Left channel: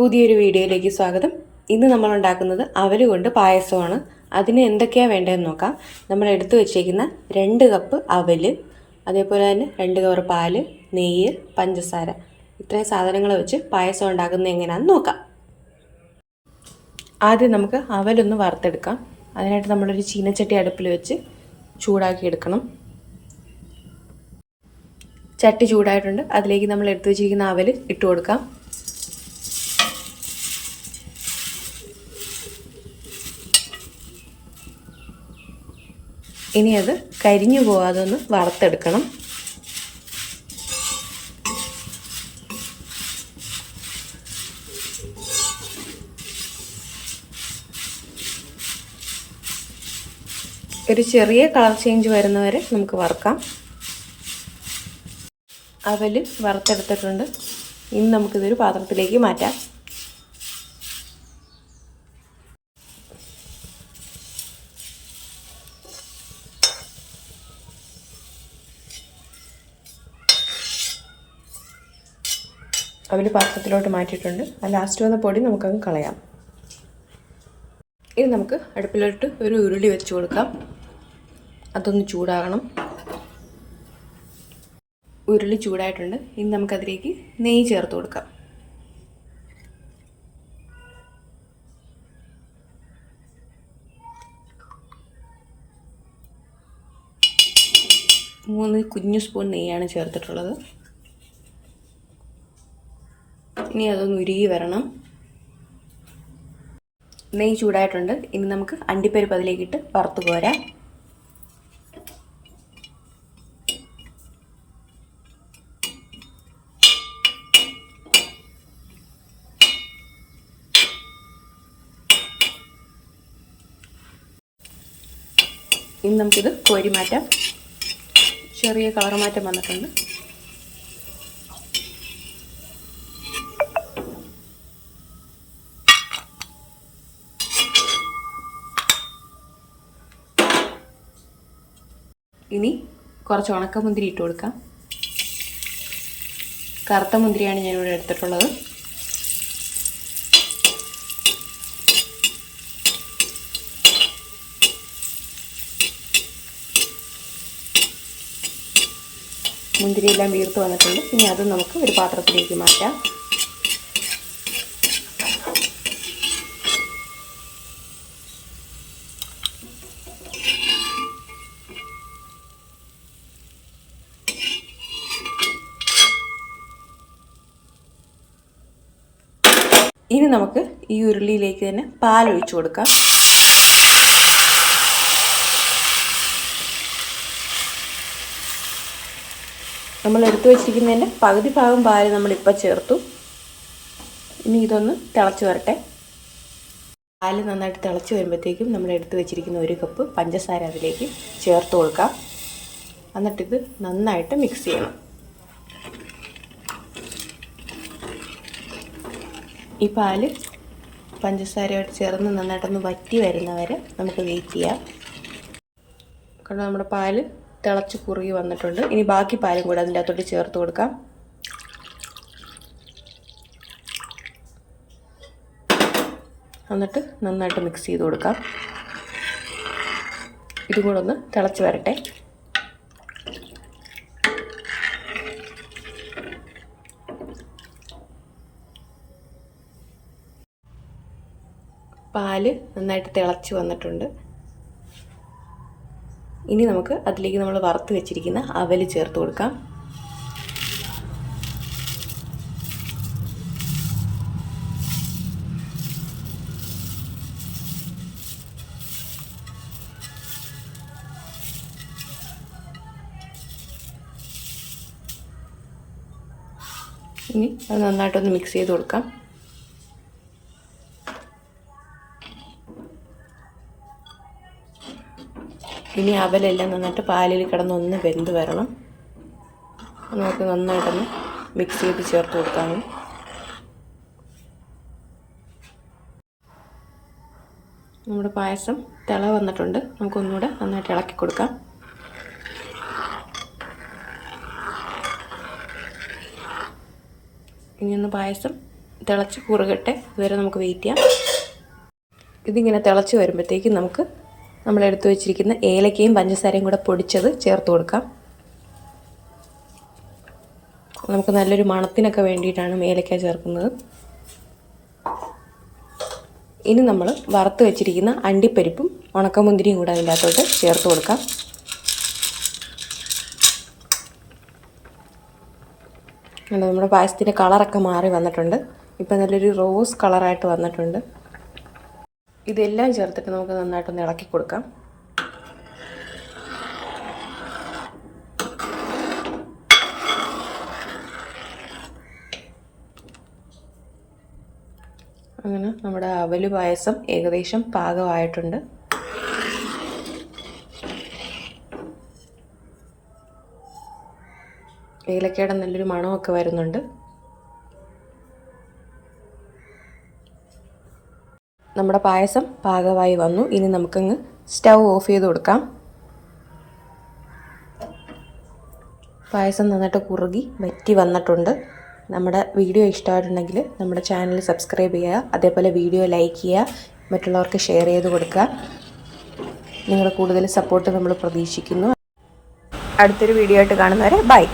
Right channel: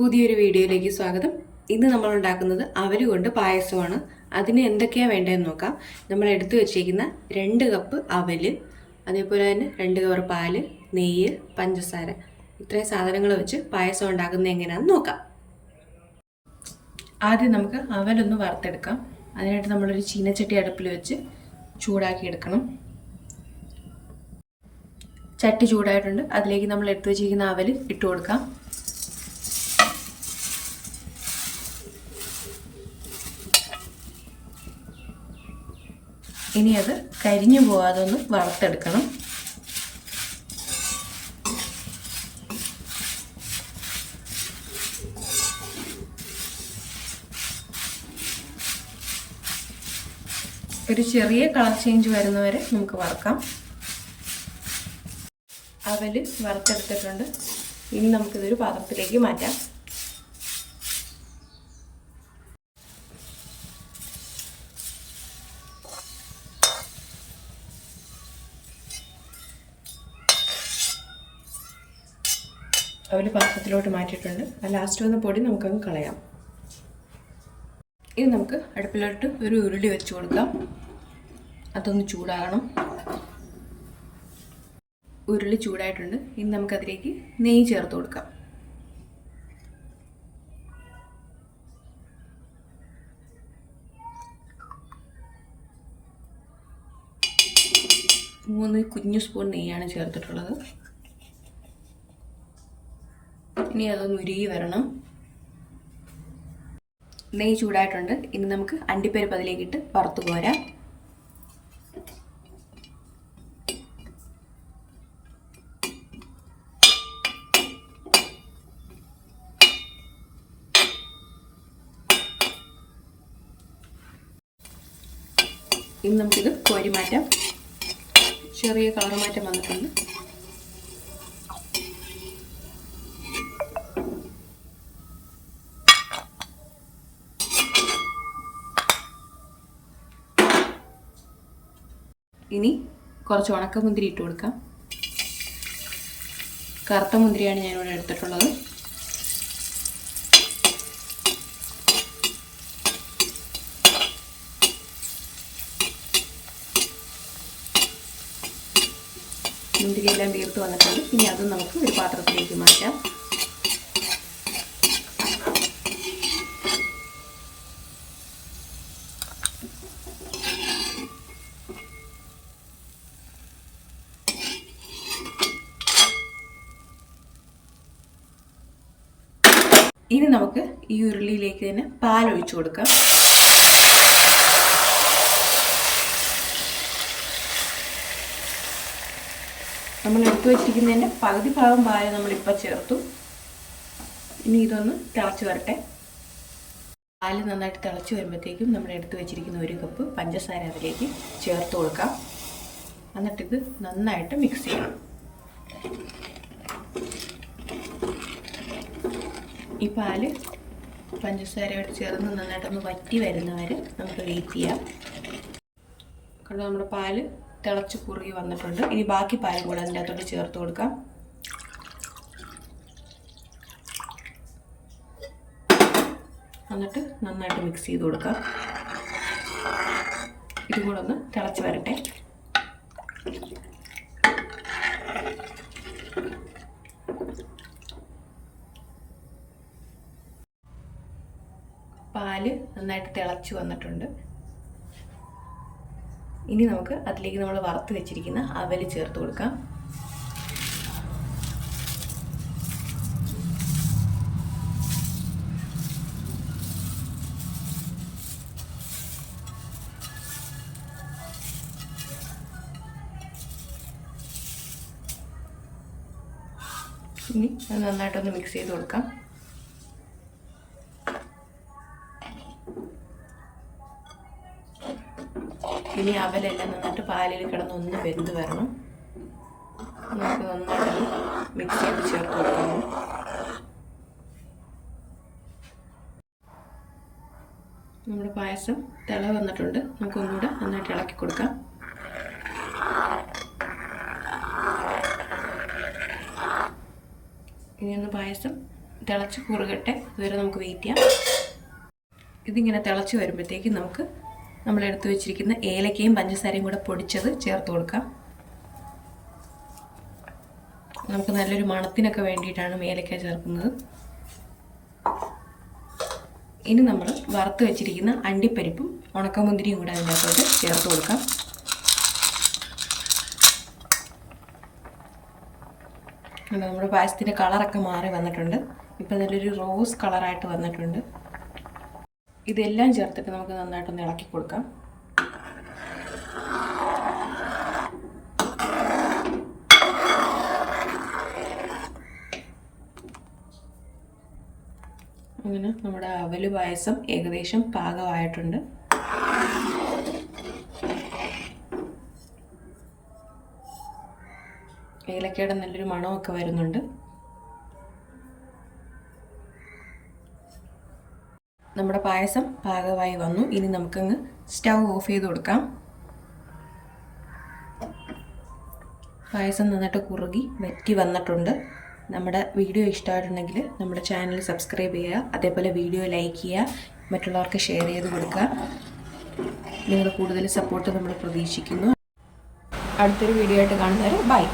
പുതിയൊരു വീഡിയോയിലേക്ക് സ്വാഗതം. ഇന്ന് നമ്മൾ ഉണ്ടാക്കുന്നത് അവൽ കൊണ്ട് പായസമാണ്. അതിന് എന്തൊക്കെയാണ് വേണ്ടതെന്ന് നോക്കാം. നമ്മൾ എടുത്തു വെച്ചേക്കുന്ന 2 കപ്പ് അവൽ, അതേപോലെ തന്നെ 2 കവർ പാല്, നെയ്യ്, പഞ്ചസാര, ഇത്രയും സാധനങ്ങൾ വെച്ച് പായസം ഉണ്ടാക്കുന്നത് എങ്ങനെയാണെന്ന് നോക്കാം. ആദ്യം നമുക്ക് അവലൊന്ന് വറുത്തെടുക്കാം. അതിനായിട്ട് നമ്മളൊരു ചീനച്ചട്ടി അടുപ്പിൽ വെച്ച് ചൂടാക്കി എടുക്കണം. ചട്ടി ചൂടായിട്ടുണ്ട്. അതിലേക്ക് നമ്മൾ എടുത്തു വെച്ചിരിക്കുന്ന അവൽ ഇട്ട് കൊടുക്കാം. ഇനി അത് കരിഞ്ഞു പോകാതെ ഒന്ന് വറുത്തെടുക്കണം. ഒരു ചെറിയ കളർ ചേഞ്ച് വരുന്നവരെ നമുക്ക് വറുക്കാം. അവൽ വറുത്തെടുത്തിട്ടുണ്ട്. ഇനി നമുക്കിതൊരു പാത്രത്തിലേക്ക് മാറ്റാം. അവൽ പാത്രത്തിലോട്ട് മാറ്റിയിട്ടുണ്ട്. ആ ലാസ്റ്റ് വന്ന പൊടി നമുക്കങ്ങ് കളയാം. ഇനി നമുക്ക് അടുപ്പിലോട്ട് ഒരു ഉരുളി വെച്ച് കൊടുക്കാം. അതൊന്ന് ചൂടാകണം. ഉരുളി ചൂടായിട്ടുണ്ട്. ഇനി നമുക്കതിലേക്ക് നെയ്യ് ചേർത്ത് കൊടുക്കാം. മൂന്ന് കുഞ്ഞു സ്പൂൺ നെയ്യാണ് ചേർത്തിട്ടുള്ളത്. ഇനി അതൊന്ന് ഉരുകി വരണം. നെയ്യ് ചൂടായിട്ടുണ്ട്. ഇനി നമുക്ക് അണ്ടിപ്പരിപ്പ് അതിലേക്കിട്ട് വറുത്ത് കോരാം. ഇനി നമുക്കിത് കോരി മാറ്റാം. ചെറിയ കളർ മാറ്റം വന്നിട്ടുണ്ട്. ഇനി കുറച്ച് ഉണക്കമുന്തിരി ഇട്ട് കൊടുക്കാം. കറുത്ത മുന്തിരിയാണ് ഞാനിവിടെ എടുത്തിട്ടുള്ളത്. മുന്തിരിയെല്ലാം വീർത്ത് വന്നിട്ടുണ്ട്. ഇനി അത് നമുക്ക് ഒരു പാത്രത്തിലേക്ക് മാറ്റാം. ഇനി നമുക്ക് ഈ ഉരുളിയിലേക്ക് തന്നെ പാലൊഴിച്ചു കൊടുക്കാം. നമ്മൾ എടുത്തു വെച്ചിരിക്കുന്നതിൻ്റെ പകുതി ഭാഗം പാല് നമ്മളിപ്പോൾ ചേർത്തു. ഇനി ഇതൊന്ന് തിളച്ച് വരട്ടെ. പാല് നന്നായിട്ട് തിളച്ച് വരുമ്പോഴത്തേക്കും നമ്മൾ എടുത്തു വെച്ചിരിക്കുന്ന 1 കപ്പ് പഞ്ചസാര അതിലേക്ക് ചേർത്ത് കൊടുക്കാം. എന്നിട്ടിത് നന്നായിട്ട് മിക്സ് ചെയ്യണം. ഈ പാല് പഞ്ചസാരയോട് ചേർന്ന് നന്നായിട്ടൊന്ന് വറ്റി വരുന്നവരെ നമുക്ക് വെയിറ്റ് ചെയ്യാം. കാരണം നമ്മുടെ പാല് തിളച്ച് കുറുകി വന്നിട്ടുണ്ട്. ഇനി ബാക്കി പാലും കൂടെ അതിൻ്റെ അകത്തോട്ട് ചേർത്ത് കൊടുക്കാം. എന്നിട്ട് നന്നായിട്ട് മിക്സ് ചെയ്ത് കൊടുക്കാം. ഇതും കൂടെ ഒന്ന് തിളച്ച് വരട്ടെ. പാല് നന്നായിട്ട് തിളച്ച് വന്നിട്ടുണ്ട്. ഇനി നമുക്ക് അതിലേക്ക് നമ്മൾ വറുത്ത് വെച്ചിരിക്കുന്ന അവൽ ചേർത്ത് കൊടുക്കാം. ഇനി അത് നന്നായിട്ടൊന്ന് മിക്സ് ചെയ്ത് കൊടുക്കാം. ഇനി അവലെല്ലാം നന്നായിട്ട് പാലിൽ കിടന്നൊന്ന് വെന്ത് വരണം. നമുക്ക് നന്നായിട്ടൊന്ന് മിക്സ് ചെയ്ത് ചേർത്ത് കൊടുക്കാം. നമ്മുടെ പായസം തിള വന്നിട്ടുണ്ട്. നമുക്കൊന്നുകൂടെ നന്നായിട്ട് ഇളക്കി കൊടുക്കാം. ഇനി ഒന്ന് പായസം തിളച്ച് കുറുകട്ടെ, ഇതുവരെ നമുക്ക് വെയിറ്റ് ചെയ്യാം. ഇതിങ്ങനെ തിളച്ച് വരുമ്പോഴത്തേക്കും നമുക്ക് നമ്മളെടുത്ത് വെച്ചിരിക്കുന്ന ഏലക്കയും പഞ്ചസാരയും കൂടെ പൊടിച്ചത് ചേർത്ത് കൊടുക്കാം. നമുക്ക് നല്ലൊരു മണത്തിനൊക്കെ വേണ്ടിയിട്ടാണ് ഏലക്ക ചേർക്കുന്നത്. ഇനി നമ്മൾ വറുത്ത് വെച്ചിരിക്കുന്ന അണ്ടിപ്പരിപ്പും ഉണക്കമുന്തിരിയും കൂടെ അതിൻ്റെ അകത്തോട്ട് ചേർത്ത് കൊടുക്കാം. നമ്മുടെ പായസത്തിൻ്റെ കളറൊക്കെ മാറി വന്നിട്ടുണ്ട്. ഇപ്പം നല്ലൊരു റോസ് കളറായിട്ട് വന്നിട്ടുണ്ട്. ഇതെല്ലാം ചേർത്തിട്ട് നമുക്ക് നന്നായിട്ടൊന്ന് ഇളക്കി കൊടുക്കാം. അങ്ങനെ നമ്മുടെ അവല് പായസം ഏകദേശം പാകമായിട്ടുണ്ട്. ഏലക്കയുടെ നല്ലൊരു മണമൊക്കെ വരുന്നുണ്ട്. നമ്മുടെ പായസം പാകമായി വന്നു. ഇനി നമുക്കങ്ങ് സ്റ്റൗ ഓഫ് ചെയ്ത് കൊടുക്കാം. പായസം നന്നായിട്ട് കുറുകി വറ്റി വന്നിട്ടുണ്ട്. നമ്മുടെ വീഡിയോ ഇഷ്ടമായിട്ടുണ്ടെങ്കിൽ നമ്മുടെ ചാനൽ സബ്സ്ക്രൈബ് ചെയ്യുക, അതേപോലെ വീഡിയോ ലൈക്ക് ചെയ്യുക, മറ്റുള്ളവർക്ക് ഷെയർ ചെയ്ത് കൊടുക്കുക. നിങ്ങളുടെ കൂടുതൽ സപ്പോർട്ട് നമ്മൾ പ്രതീക്ഷിക്കുന്നു. അടുത്തൊരു വീഡിയോ ആയിട്ട് കാണുന്നവരെ ബൈ.